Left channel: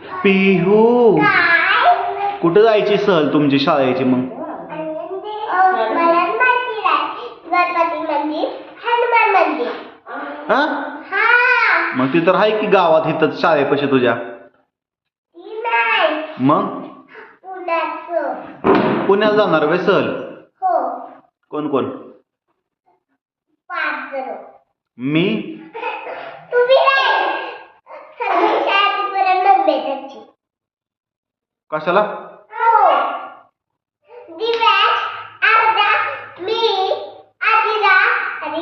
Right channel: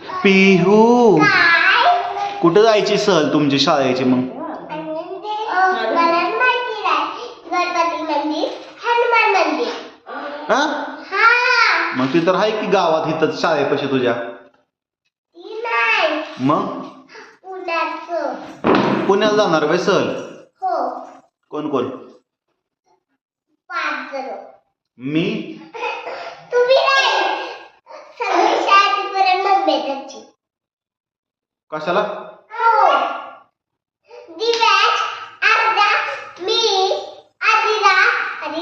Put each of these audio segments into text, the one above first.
पिहू काय? कुठं जायची सहल तुमची शाळेची मग? मला माहिती नाही. गणपती मंदिर, हनुमान मंदिर. हा हा. मग ती तर आहे की गावात इथं शाळेपाशी तुझ्या. ती नाही. मग पुण्याचं. पुण्याला जाणार वे सहल? हो. कोण कोण? 5 जण. मी तुम्ही नाही. सगळी शाळेपर्यंत मग भेटायची. कशाला? हो. दिव्याच, अर्धा, मी, आदिरा आणि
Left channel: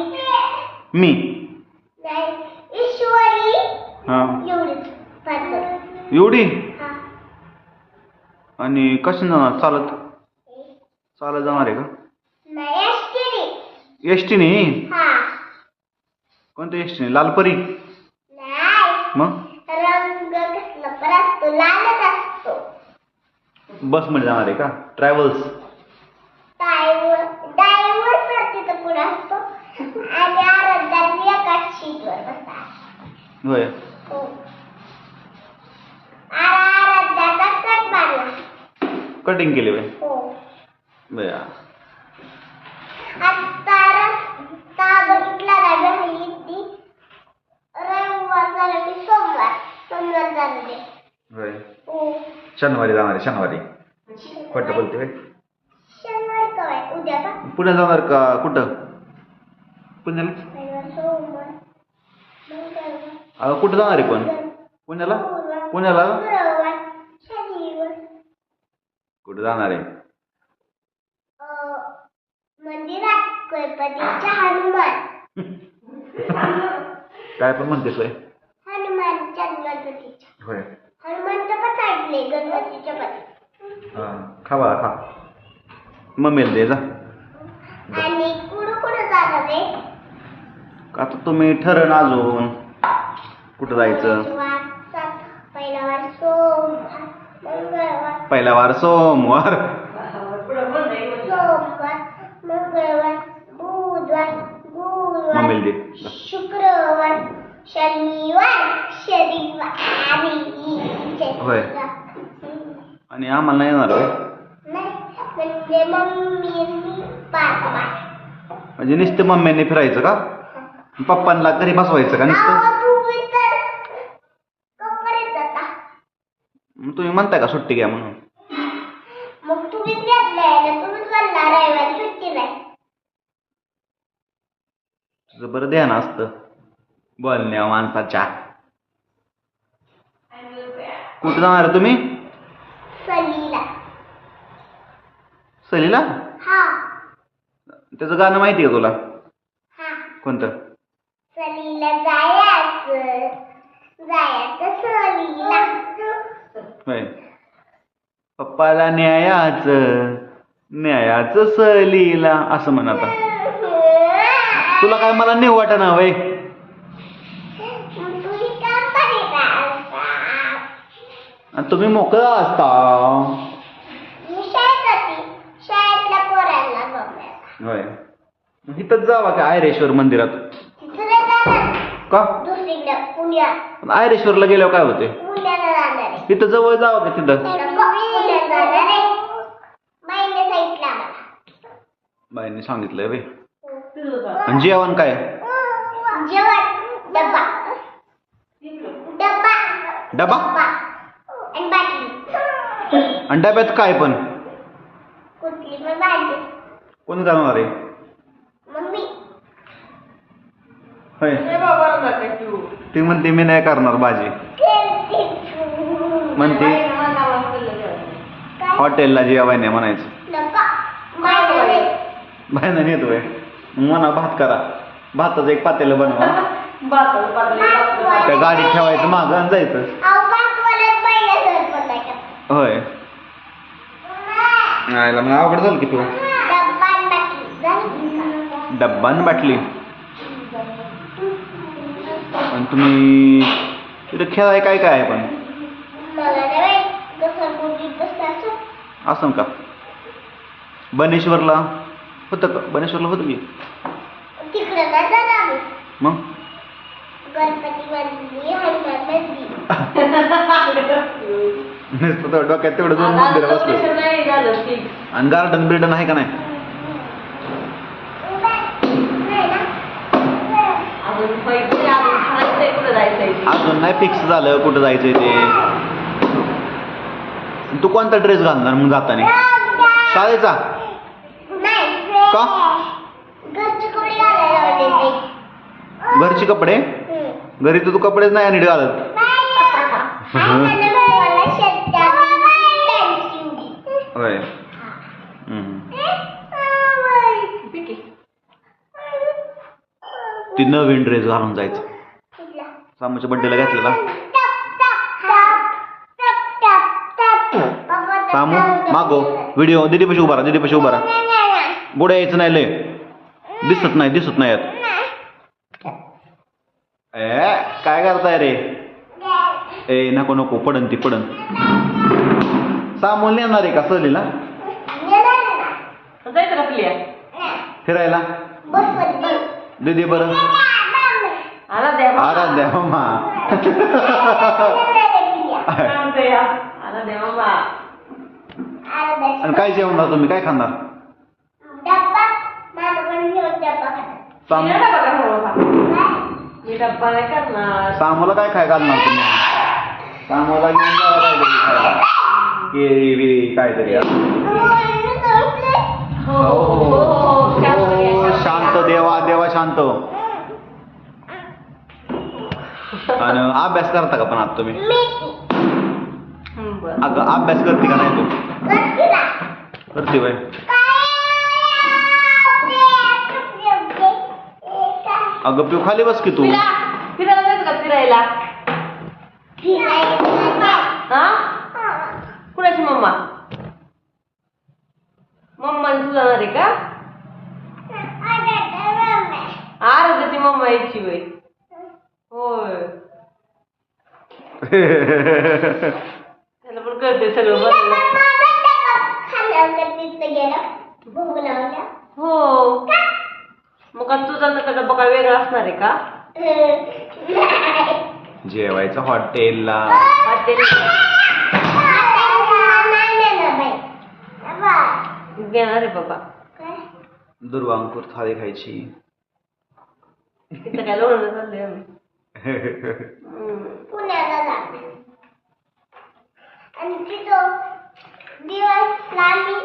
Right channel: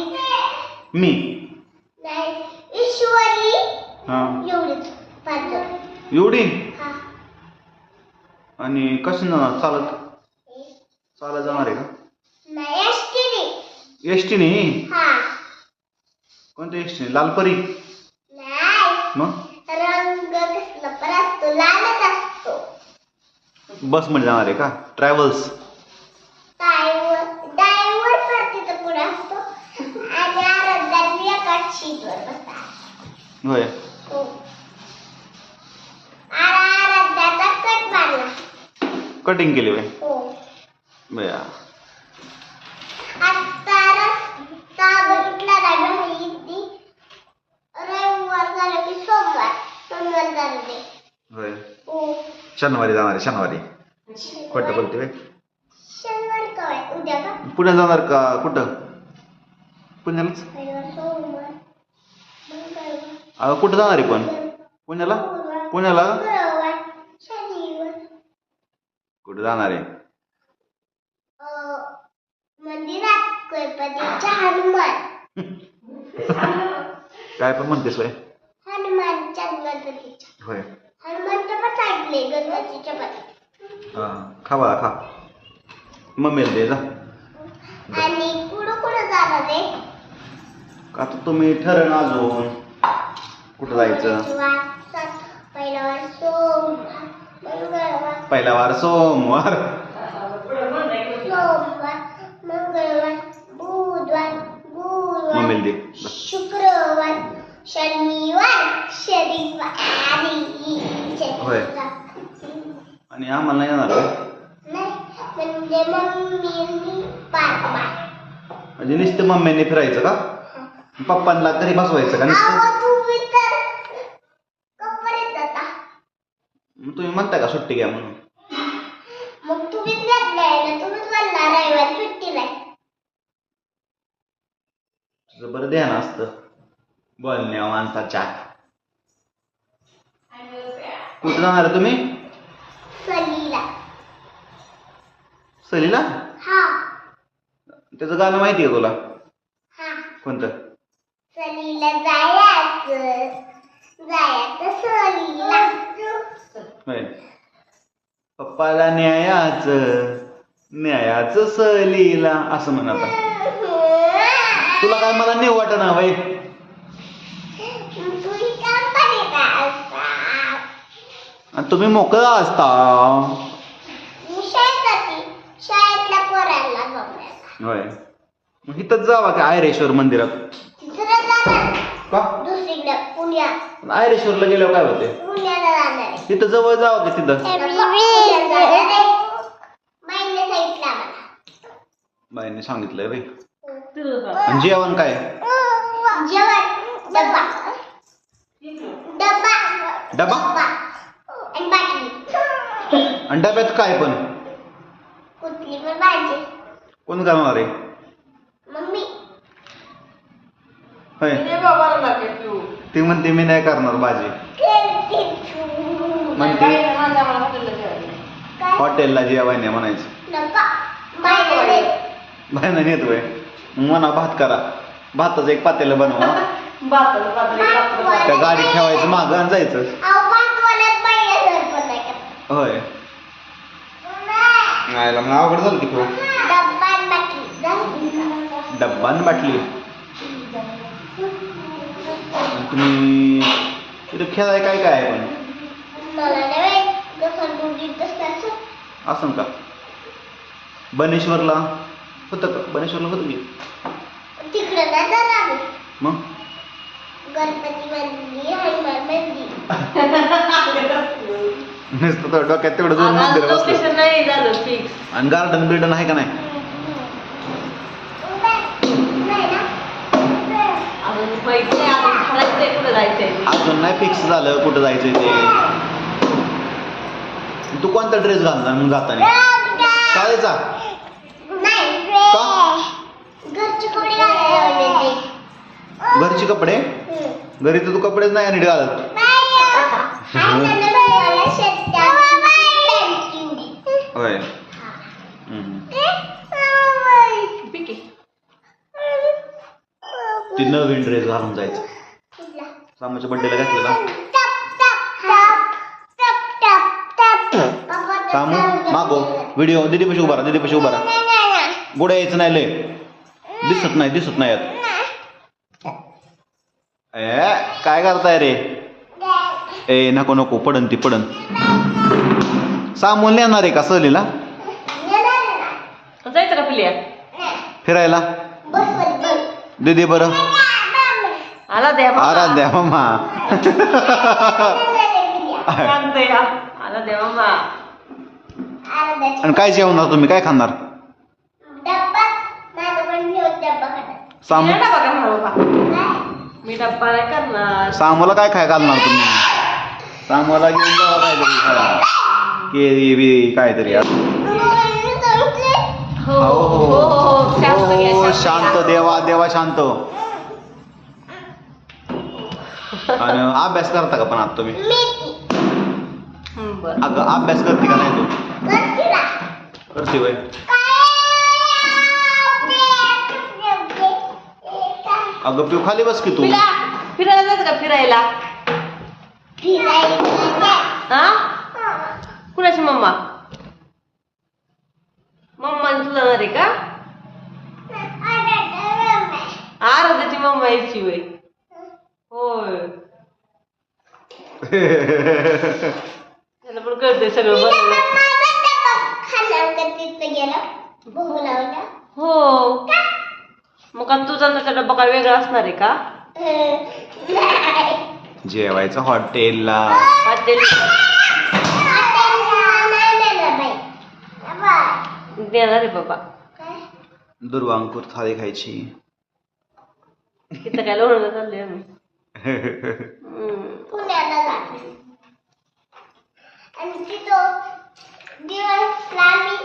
मी नाही ईश्वरी. हा एवढीच 5 जण. एवढी? हा. आणि कशी जाणार? चालत चालत जाणार आहे का? नाही एसटीने. एसटीने? हा. कोणत्या एसटीने? लालपरी? नाही. मग रंग कसला पण असतो, लालच असतो. बस मध्ये जाणार आहे का? ट्रॅव्हल्स? ड्रायव्हर तिथं पुढे असतो आणि आराध्याने एकाच सीटवर बसतात. होय. हो. आराध्याचा कट मारला. कटिंग केली होय? हो. बया. आता रस्ता बघितला नाही ती. रविवार झाला की सोमवार झालं ते. होय. हो. शनिवारी जाणार आहे, शनिवारी. खोटं बोलते होय? शनिवारी काय? उद्या का? पुण्याला जाणार का? कुठं? पुण्यालाच? रविवार, सोमवार, मंगळवार, कुठं जाणार आहे पण? पुण्याला? पुण्याला शुक्रवार, शनिवार. कुठं जाणार आहे? मंदिरात गणपतीच्या हनुमान. काय पण म्हणतेस होय? हनुमानच्या गणपतीच्या. होय. हनुमानच्या पण ऐकले गणपतीच्या पण. हा खा बाळा खा. मम्मीला दे जा. आणि कुठं जाणार आहे? आता तुम्ही ठरण अजून कुठं जायचं? पहिला वार सोमवार, मंगळवार. पहिला वार सोमवार. सोमवार, मंगळवार, बुधवार, गुरुवार, मम्मीला दे. शुक्रवार, शनिवार, होय. आणि आम्हाला नाही येणार होय? नाही म्हणजे मम्मी पाठवा. म्हणजे नुसतं मम्मीने फिरायचं का? पप्पांना घरी बसवायचं का नुसतं? तुम्ही तर कपडे जाता. मग तुम्ही म्हणताय का सुट्टी घ्या म्हणून? मग तुम्हीच घेतलाय ना, तुम्हीच म्हणला रविवार सुट्टी नाही. तुझं बरं ध्यान असतं बोलण्या माणसाच्या. कुठं जाणार तुम्ही? सलीला. सहलीला? हा. त्याचं गाणं माहिती आहे तुला? हा. कोणतं? सलीला जायचं सलीला. होय. पप्पाला न्यायाचं सहलीला असं म्हण आता. तुला काय मला नेऊ वाटना होय? तुम्ही काम का असता? आणि तुम्ही मोकळा असता. मी शाळेत जाते. शाळेतल्या पोरांना बघायला. होय. मग इथंच जावा की आयरेश्वर मंदिरात. तिथं जाणार का? दुसरीकडे पुण्यात. पण आयरेश्वरला गेल्यावर काय होते? पुण्याला जाणार आहे. इथं जवळ जावं का तिथं? पुण्यात जाणार आहे. माहिती सांगितलं आम्हाला. बाईंनी सांगितलंय रे. आणि जेवण काय? जेवण डब्बा. डब्बा. डबा? आणि बाटली. आणि डब्यात काय पण? कुठली पण भाजी. कोण करणार आहे? मम्मी. होय. ती म्हणते मी नाही करणार भाजी. म्हणते हॉटेलला जेवाय नाही म्हणायचं. बाहेर नेतोय. मग म्हणा भात करा. भाताचं एक पातेलं बनवा. त्या गाडीत ठेवायचं मागं आणि जायचं. होय. नाही मग अवघड झालं की तू. डब्बा आणि बाटली. आणि तुम्ही तिथे खेळाय काय काय आहे पण? असं का? बनेश्वरला होतं का? बनेश्वरला होतं की? तिकडे नाही जाणार आम्ही. मग गणपती मंदिर, हनुमान मंदिर. नुसतं तर डोक्यात तेवढं दोन मंदिर बसलं. नाही झालं फिक्स. आणि गार्डन बिल्डन आहे का नाही? अजून माहिती अजून ठरायचंय कुठं जायचंय. अजून नाही फिक्स झालं कुठं जायचंय ते. तू कोणता ड्रेस घालणार मग जाताना? शाळेचा का? घरचे कपडे घालायला लावले ते. घरचे कपडे? घरी तर तू कपडेच नाही नीट घालत. होय. ती नवीन ड्रेस घालून जायचं. सामूच्या बड्डेला घातलेला. सामू मागो व्हिडिओ दीदीपाशी उभा राहा. दीदीपाशी उभा राहा. पुढे यायचं नाही लय. दिसत नाही यात. काय करताय रे? ए नको पडन ती पडन. सामून नेणार आहे का सहलीला? जायचं का पिल्या? फिरायला दीदी बरं. आला द्या आराध्या मामा. आला द्या मामा. आणि काय जेवणार तुम्ही? काय खाणार? सामू मी डब्बा नाही करणार. सामूला काय खाय घालणार तुम्ही? सामूला घेऊन जावं काहीतरी खायला. केळी बिळी काहीतरी. हो शांत देवा शांत. आणि अभ्यास करता का पण आता तुम्ही? अगं अभ्यास करते का नाही तू? करते बाई. अगं पिऊ खाली बस की तू. फिरायला जायचं का फिरायला? हा कुणाची मम्मा? मम्माने तुला जाणार आहे का? आराध्याची मम्मा यायची वय. होय त्याला पण कळते सगळं बरोबर. हो मग आता तुझा ना डब्बा काय वेगळा असणार आहे का? जेवायचं हॉटेलला. देणार आहे बाबा. दुर्वांकूर थाळी खायची. इथं काय लोणं चाललंय आम्ही. पुण्याला जाते आणि तिथं दिवसला मी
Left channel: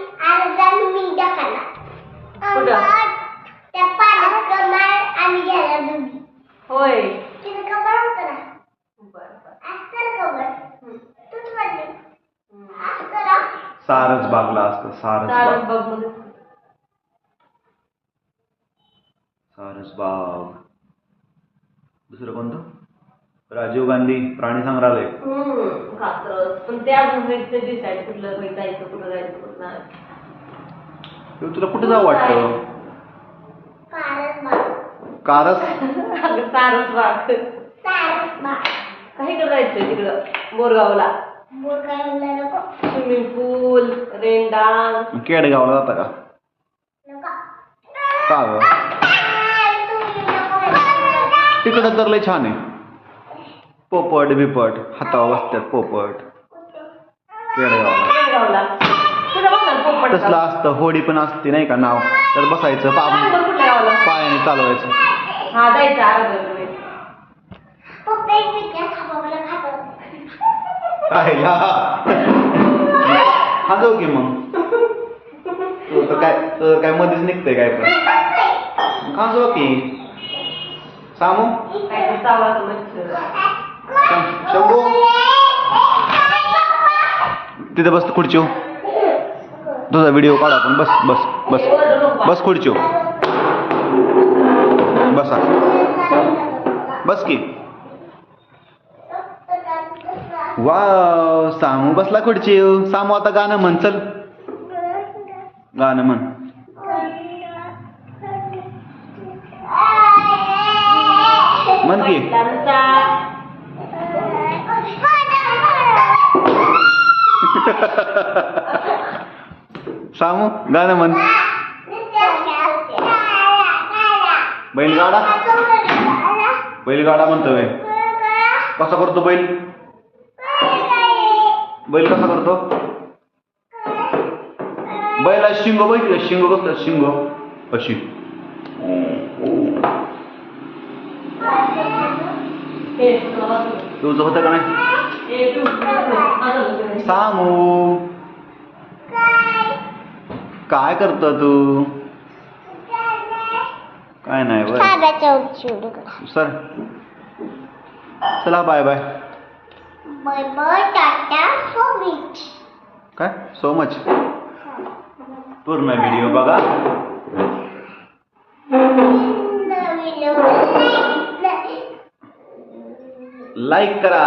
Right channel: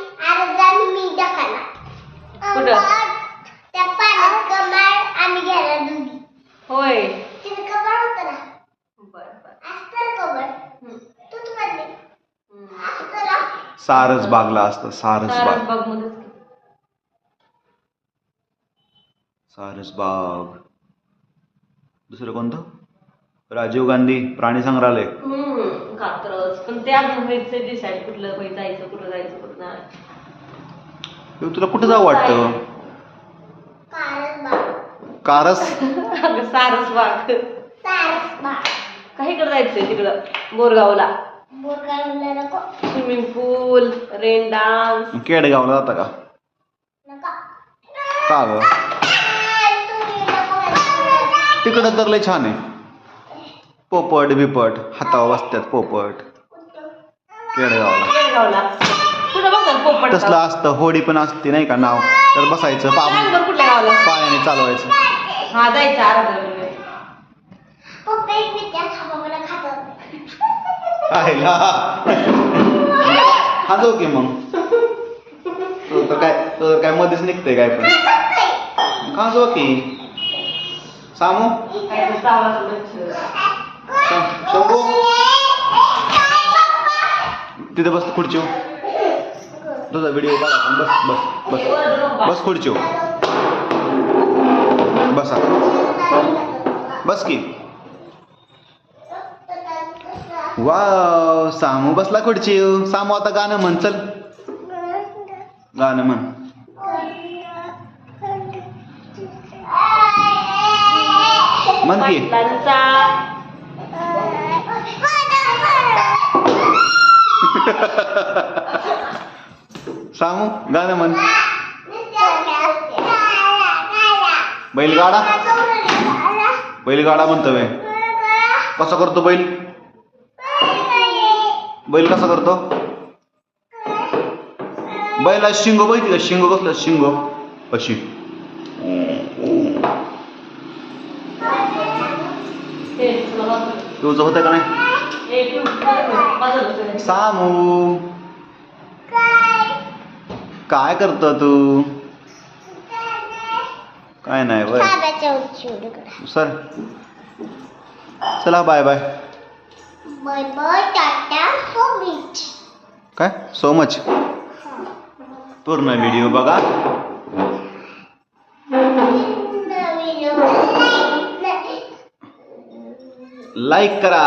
दाखवला. त्या पाण्यात कमाल आणि घ्यायला दोघी. होय तिथे कबर होतं ना. असतं कबर तूच म्हणले सारस बागला असतं. सारस बाग. दुसरं कोणतं? राजीव गांधी प्राणी संग्रहालय. कात्रज. पण ते अजून डिसाईड कुठलं जायचं कुठं नाही. तुला कुठं जावं वाटतं? कारस. सारस बाग. काहीकडे जायचंय तिकडं बोरगावला. नको. स्विमिंग पूल रेन डान्स. केडगावला जाता का? का ग? तिकडं तर लय छान आहे. पोपट बिपट हातावर बसतात पोपट. केडगावला तसलं असतं. होडी पण असते नाही का नाव. तर बसायचं पायाने चालवायचं. हा जायचं आराध्या. खाजव की मग. तुझं काय मध्येच निघतंय काय पण. खाजव की सामू. शंभू तिथे बस खुर्चीव. तुझा व्हिडिओ काढा आपण. बस खुर्चीव. बसा बस की. वाव सामू बसला खुर्चीव. सामू आता गाणं म्हण. चल गाणं म्हण. म्हण की. सामू गाणं म्हण. बैलगाडा म्हणतोय. कसा करतो बैल? बैल कसा करतो? बैला शिंग बघितलं, शिंग कसलं शिंग अशी. तुझं होतं का नाही? सामू काय करतो तू? काय नाही बरं. खाण्याच्या उंचीवर सर चला bye bye. Bye bye, tata, so much. काय सो मच. पूर्ण व्हिडिओ बघा. लाईक करा.